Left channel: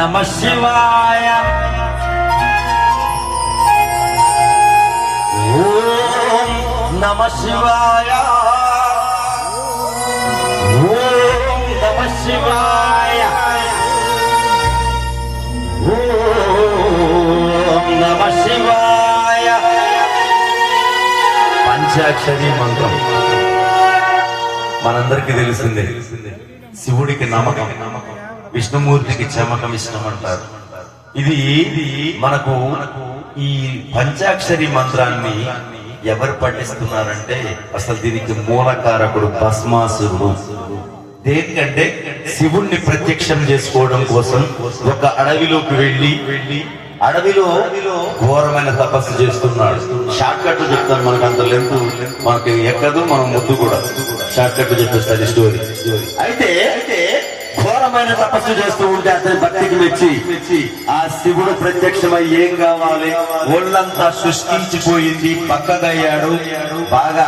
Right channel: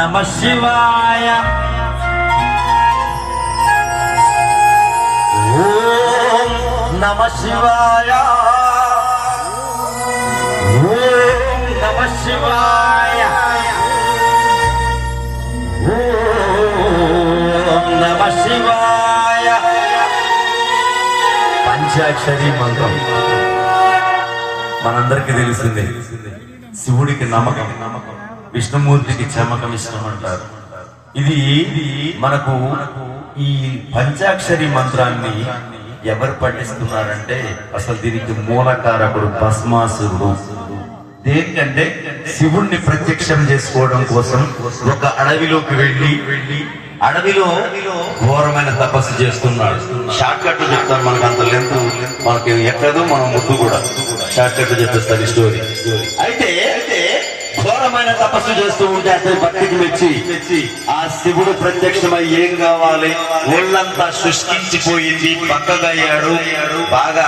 నమ శివాయ ఓం నమ శివాయ ఓం నమ శివాయ ఓం నమ శివాయ పంచాక్షరి మంత్రం. మనందరికీ తెలిసిందే శివుడికి నమ్మకం విష్ణుమూర్తికి చమకం ఇష్టం అంటారు ఇది మనకు ఈ పంచాక్షరి మంత్రాన్ని ఎవరు పఠిస్తున్నారంటే అసలు దీనికి మూలకారకుడు భస్మాసురుడు. దేనికంటే శివుణ్ణి ప్రత్యక్షం చేసుకోవడం కోసం ఒక అడవిలోకి వెళ్ళి వెళ్ళి అడవిలో ఘోరమైన తపస్సు చేస్తున్నాడు. షార్ట్ కట్ చెప్తాను మనకు అంత లెంత్ మనకి ఎక్కదు మనం ముద్దు కూడా. షార్ట్ కట్ చెప్పేస్తాడు ఈ స్టోరీ. అయితే ఘోరమైన తపస్సు చేస్తూ ఉంటే అతని భక్తికి మెచ్చి. ఆ శివుడు ప్రత్యక్షమై ఏం కావాలి? ఒళ్ళంతా శుష్కించిపోయింది పక్కగయ్యాడు బాగా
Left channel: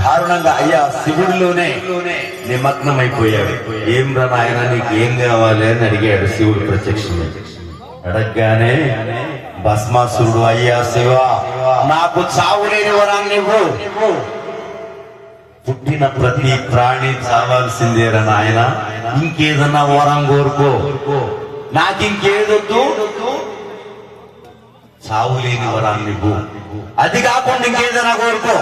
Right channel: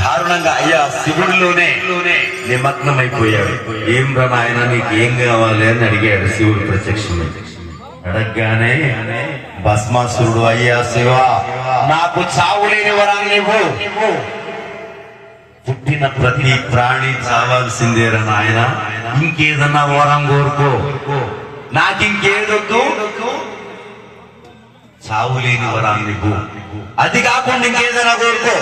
దారుణంగా అయ్యా శివుడిలోనే. నిమగ్నమైపోయాడు. ఏం రా నాయన నీకు ఏం కావాలి అని అడిగాడు శివుడు ప్రత్యక్షమై. అడగగానే భస్మాసురుడు అయ్యా శివ నాకు చావు లేని వరాన్ని ఇవ్వు. పుట్టిన ప్రతి ప్రాణి చావాల్సిందేరా నాయన. ఇంకేదన్నా వరం కోరుకో. నాకు ఇంకేదొద్దు చావు లేని వరాన్ని ఇవ్వు. అది కాకుండా ఇంకేదైనా కోరుకో.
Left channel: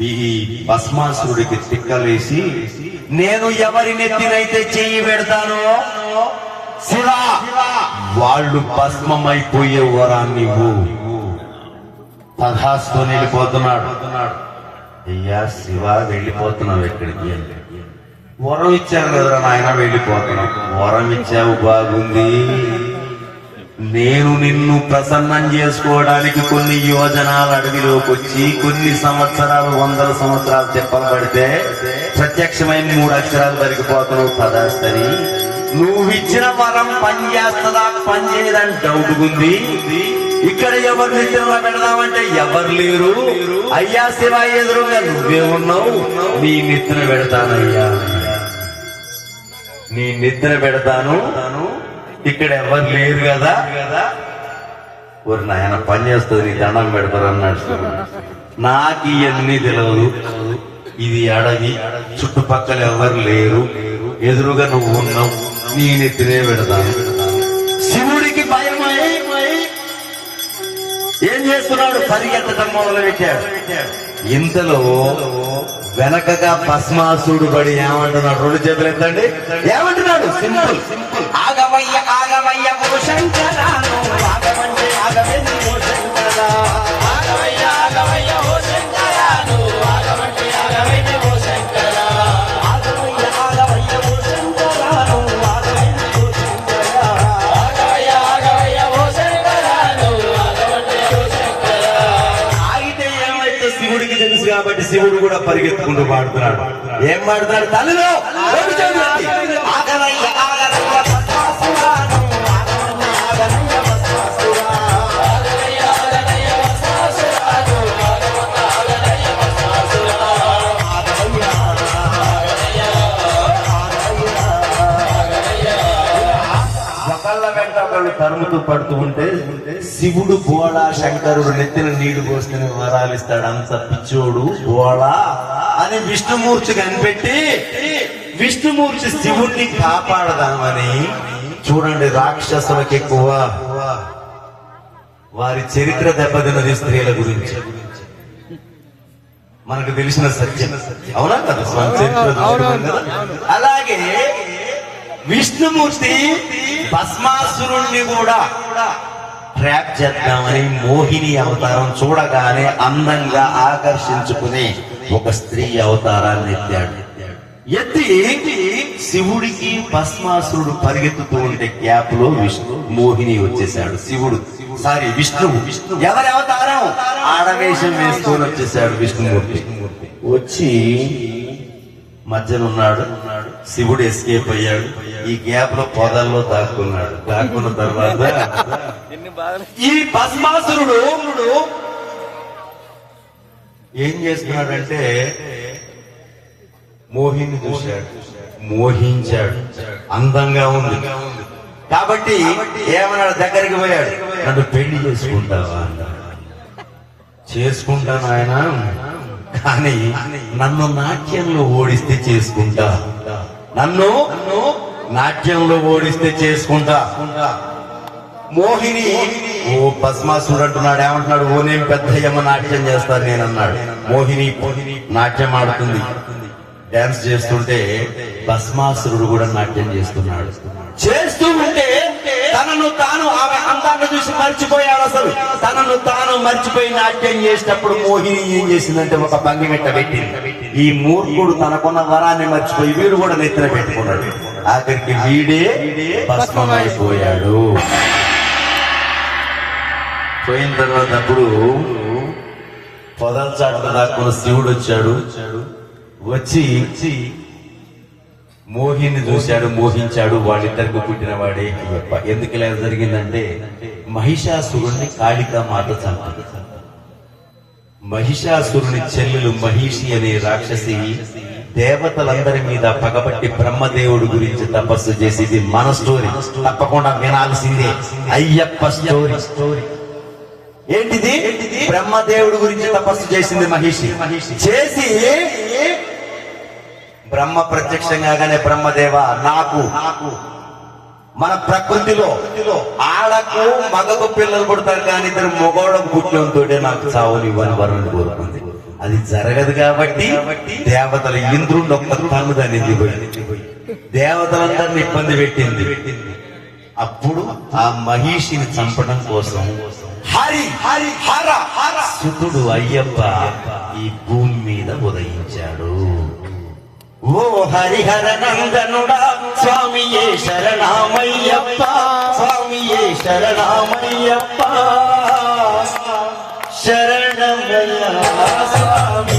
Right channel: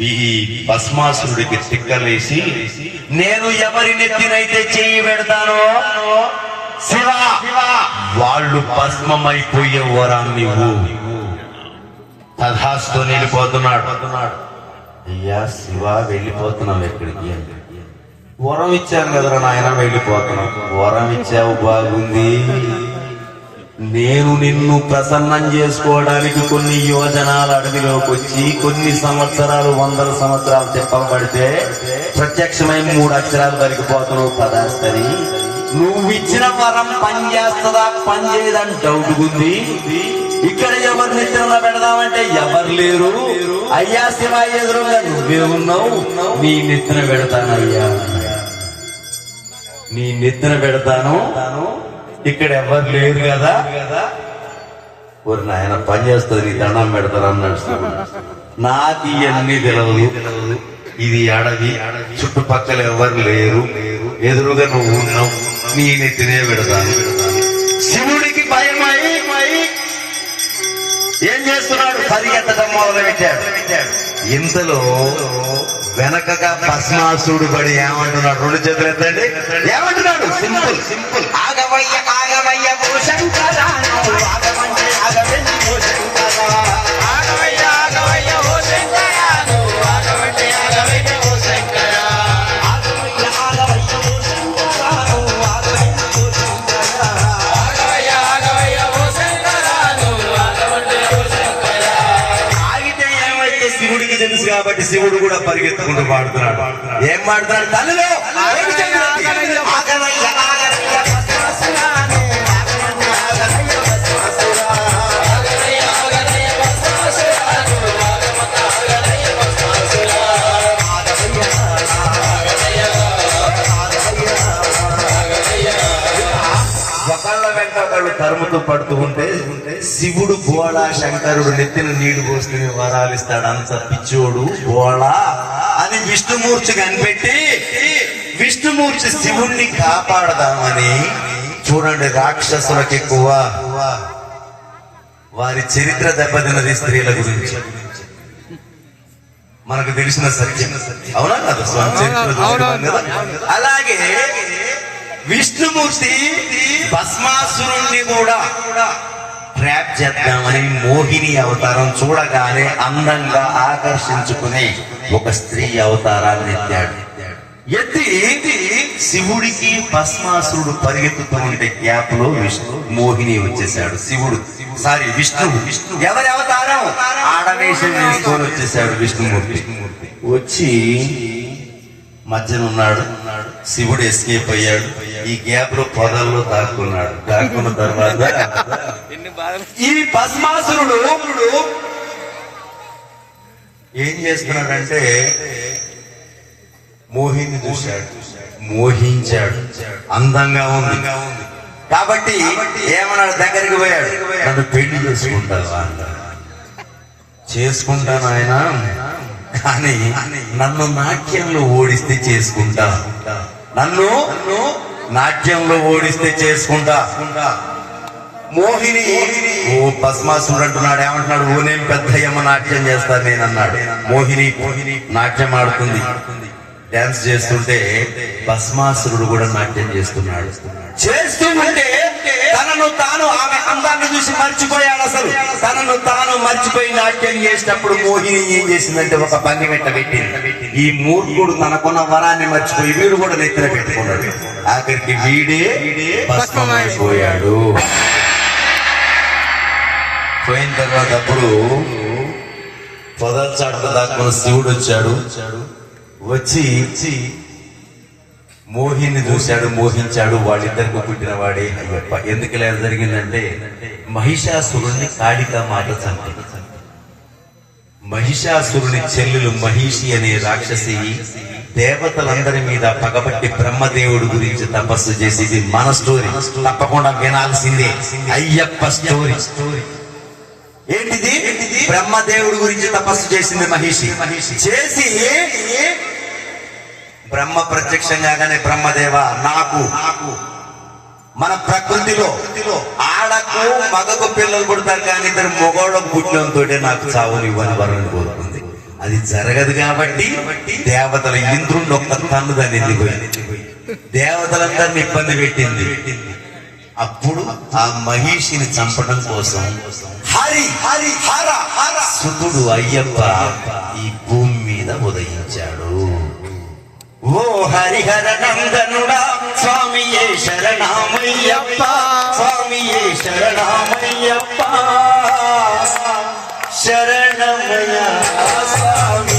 ఈ భస్మాసురుడికి తిక్కలేసి నేను ఎవరి నెత్తినైతే చెయ్యి పెడతానో శివ వాళ్ళు భస్మమైపోయే వరాన్ని తథాస్తో వెళ్ళిపోతున్నాడు అయ్యా శివ వెళ్ళిపోతున్నావు ఎక్కడికి? అని. వరం ఇచ్చాను కదరా నాయన వెళ్ళిపోతున్నావు. వరం ఇచ్చావు బాగుంది. నేను నిన్ను ప్రసన్నం చేసుకోవడానికి కొన్ని యోజనాలు అడవిలోకి వచ్చి కొన్ని సంవత్సరాలు వందల సంవత్సరాలు తిప్పబడితే ప్రత్యక్షమై మూడు అక్షరాలు దొరికిపోతున్నావు పదాస్తని నువ్వు ఇచ్చిన వరం పనిచేస్తుందా పనిచేయదని డౌట్ ఉంది. ఇక్కడ ఎవరు నిద్రలో పెడదామంటే ఎవరు లేరు. అయ్యా శివ ఎదురుగా నువ్వే ఉన్నావు. నీ నిద్ర పెడతానయ్యా. నీ నిద్ర పెడతాను. ఇక్కడ ఎవరు లేరు కదా. ఒక నాయన పని చేస్తుంది నీ దండం పెడతారు అన్నాడు నాకు ఇవన్నీ తెలియదు. ఇది అడవి చుట్టుపక్కల ఎవరు లేరు. ఎదురుగా నువ్వు ఉన్నావు. నీ నెత్తినే పెడతాను శివుడికి భయమై ఏం చేస్తున్నాడు? పరిగెత్తడం మొదలు పెట్టాడు ఇంతలో వెనకగా భస్మాసుడు పడి ఏమంటున్నాడు? రెండు చేతులు ఎత్తండి. ఏమంటున్నాడు? సింపుల్. సింపుల్ ఆగవయ్య ఆగవయ్య నువ్వు ఆగమంటే ఆగవెంది శివుడు కూడా పరిగెత్తుకుంటూ పాడుతున్నాడు. ఏం పాడుతున్నాడు? తల్లిలో! తరుముతూ పడుతూ ఉంటే శివుడు గోళ శంకరుడు నెత్తిన నీళ్ళు పోసుకుని వరాలిస్తాడు అంత పిచ్చోడు గోళ అని విష్ణుమూర్తి కనిపెట్టి విష్ణుమూర్తి శివుణ్ణి కాపాడదామని చూడండి రాక్షసులకు ఎక్కువ వారి చరిత్ర దెబ్బతిన్నది స్త్రీల గురించి. మనకు తెలిసిన సత్యం. అవునా కదా? అలాగే విష్ణుమూర్తి భస్మాసురుణ్ణి కూడా ట్రాప్ చేద్దామని మోహిని అవతారం చూడగానే అందంగా ఆకర్షించుకునే ఒక స్త్రీ అవతారాన్ని ఎత్తాడు. ఎత్తి శివుడికి భస్మాసురుడు పరిగెత్తుతూ ఉంటే గ్యాప్లో విష్ణు మోహిని వచ్చేసాడు శివుడు సారీ విష్ణువు ఎవరి అవతారం? ఆడవేషం వేసుకొని వచ్చేసాడు విష్ణుమూర్తి. వచ్చి మధ్యన ఉన్నాడు. శివుడు ఎస్కేప్ అయ్యాడు. ఈ గ్యాప్లో పొదల్లో దాక్కున్నాడు. దాక్కున్న తర్వాత ఈ భస్మాసురుడు ఏం చేస్తున్నాడంటే మోహిని చూశాడు. మోహించాడు. అందంగా ఉంది. కాబట్టి ఏమన్నాడు? దగ్గరికి పోయాడు. నన్ను పెళ్ళి చేసుకుంటావా. చేసుకుంటాను ఆయన కానీ నన్ను నాట్యంలో ఓడిస్తే చేసుకుంటా. నన్ను నాట్యంలో ఓడిస్తే చేసుకుంటా. మోహిని ఓ భస్మాసుడు అంటున్నాడు ఏమంటున్నాడు? ఓ నేను పెద్దయ్యమ్మ నాట్యం చేస్తాను నేనన్నాడు. మోహిని మోహిని నాట్యం ఆడుతుంది. డాన్స్ చేస్తుంటే భస్మాసురుడు కూడా నాట్యం చేస్తున్నాడు. చేస్తూ ఉంటే తనను తాను ఆమె అందాన్ని చూసి మర్చిపోయాడు అసలు. తనను తాను మర్చిపోయి నాట్యం చేసినప్పుడు మోహిని ఏం చేసిందంటే ఒక పంగి మిట్ట పెట్టింది. ఈ మూర్ఖుడు తనకున్న వరాన్ని మర్చిపోయి వీడు కూడా నెత్తిన పెట్టుకున్నాడు. ఆఖరికి వీడే భస్మమైపోయాడు. పోయిన తర్వాత అప్పుడు పొదల దాకా శివుడు వచ్చాడు. వచ్చి మోహిని చూశాడు మోహించాడు వాళ్ళిద్దరికి పుట్టిన వాడే ఎందుకు ఇలా జరిగిందంటే మహిషాసురుణ్ణి కాళికా మాత చంపి మహిషాసురుని చెల్లెలు మహిషి అనే రాక్షసి దేవతలందరి మీద పగబట్టి బ్రహ్మదేవుడు గురించి తపస్సు చేసేది మన స్టోరీ. తప్పకుండా వినాల్సిందే. అయ్యప్ప స్టోరీ. ఏంటిది? బ్రహ్మదేవుడు గురించి తపస్సు చేసింది మహిషి. చేసి బ్రహ్మ ప్రత్యక్షం కాగానే బ్రహ్మదేవ నాకు నాకు మన ప్రకృతిలో ఆడకు మగకు పిల్లలు పుడతారు కానీ ఇద్దరు మొగోడకు పుట్టినంతో నాకు చావులు ఇవ్వని వరం కోరుకుంది. అది జరగదు కాబట్టి దేవతల ఇంద్రుడు ఒక్క తన్ను దాన్ని ఎదిగిపోయింది దేవతలందరిని ఇబ్బంది పెట్టింది. అప్పుడు ఆ మహిషిని చంపడం కోసం హరి హరి హర హర. సుతుడు అయ్యప్ప ఈ భూమి మీద ఉదయించాడు. ஓ ஹரிஹர நந்தனுடா சுவாமியே சரணாமையப்பா சுவாமியே சரணாமையப்பா சரணமையா சுவாமி.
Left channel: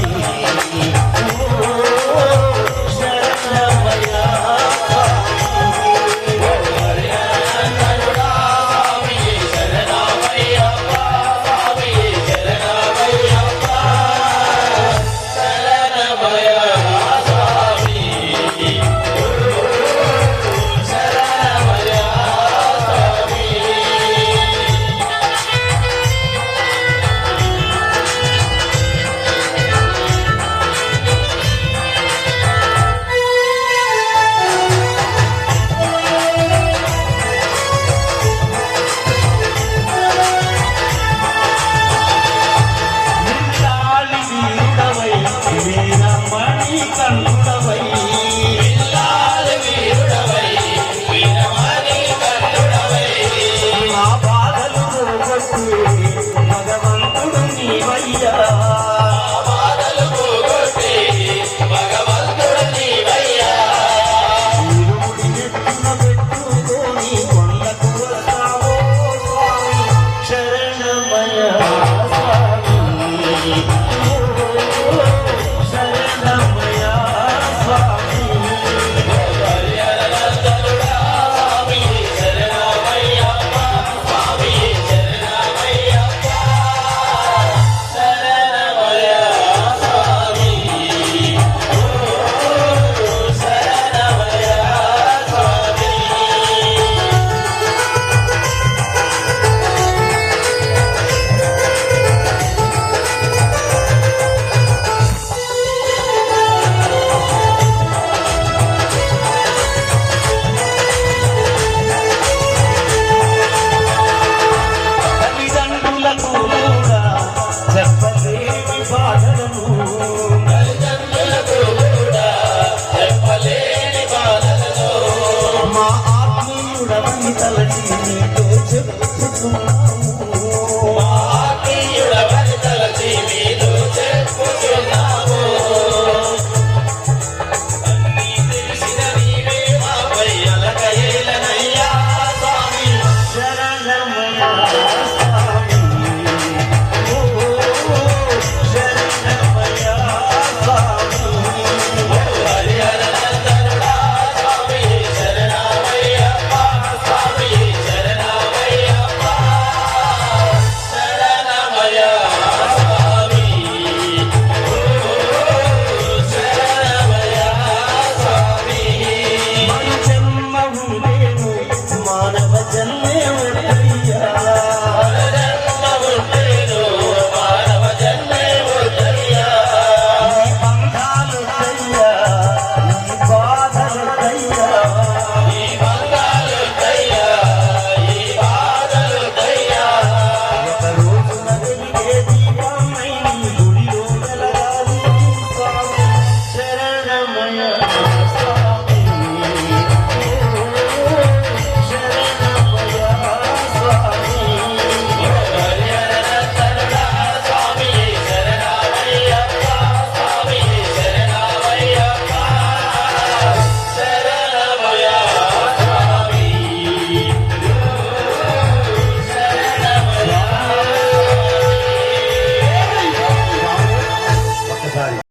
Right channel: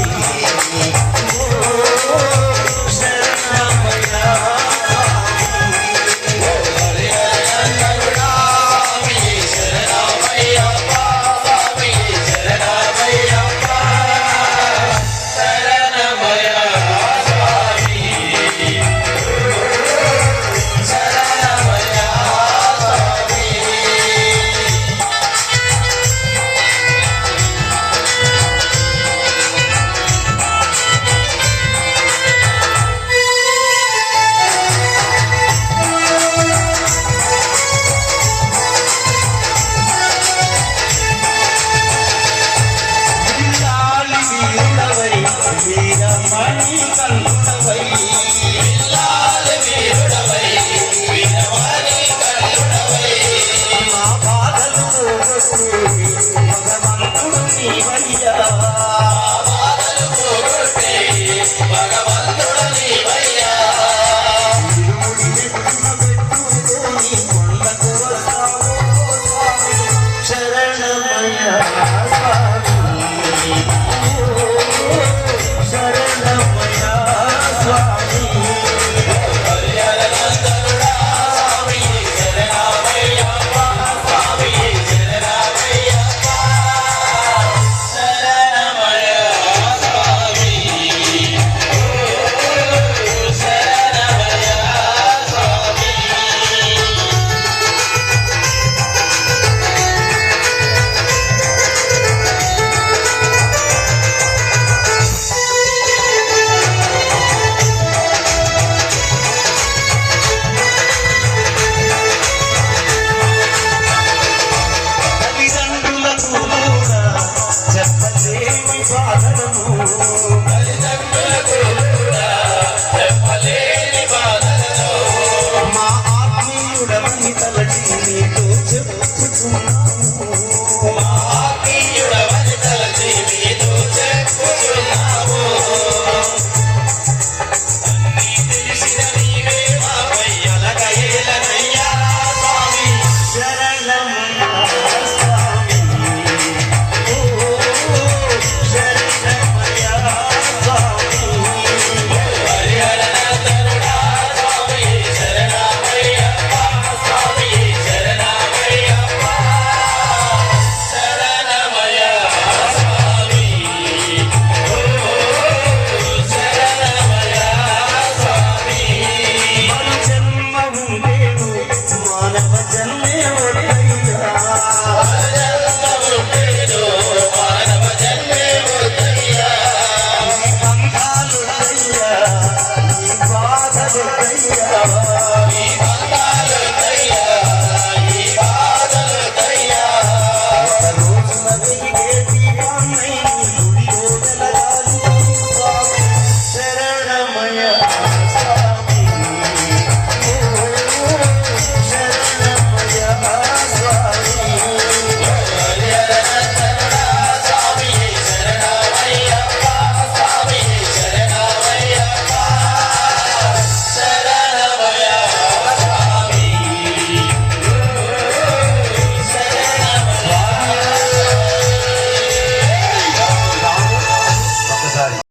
olhar